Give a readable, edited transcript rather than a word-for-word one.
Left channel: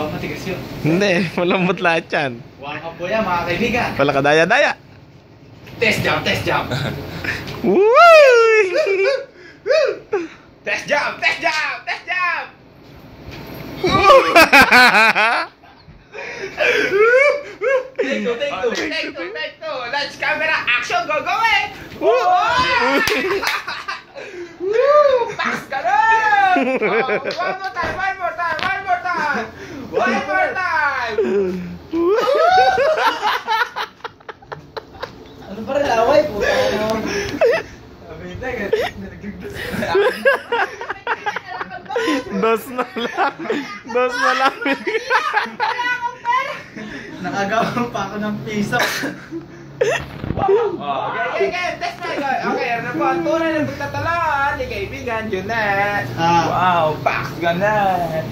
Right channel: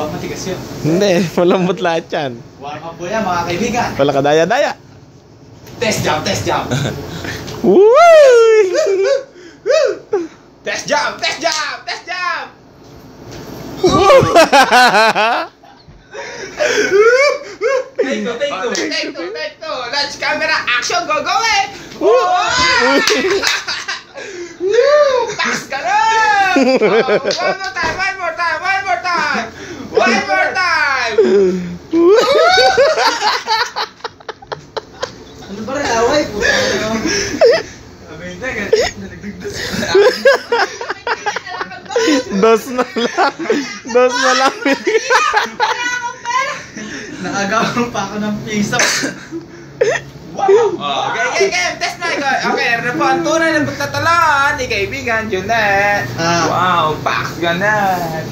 Bak matigas yun. Hindi, malambot lahat yan. Warm up po yan mga kaibigan. Wala ka daya-daya. Test jump, test jump. Woo! Test jump, test jump, test jump. Take two, take two. Take two, take two. Let's camera, action, go, go, eh. Pass ka na! One more time, one more time, one more time. One more time. Ano ba rin away? Dos na lang. Dos na lang. Nakagawa pa ako ng piso. Wow! Okay, okay, test na. Okay, ano po ang tunay na pagtatalaan ni kaibigan, Junet. Wow, Pax Ganan.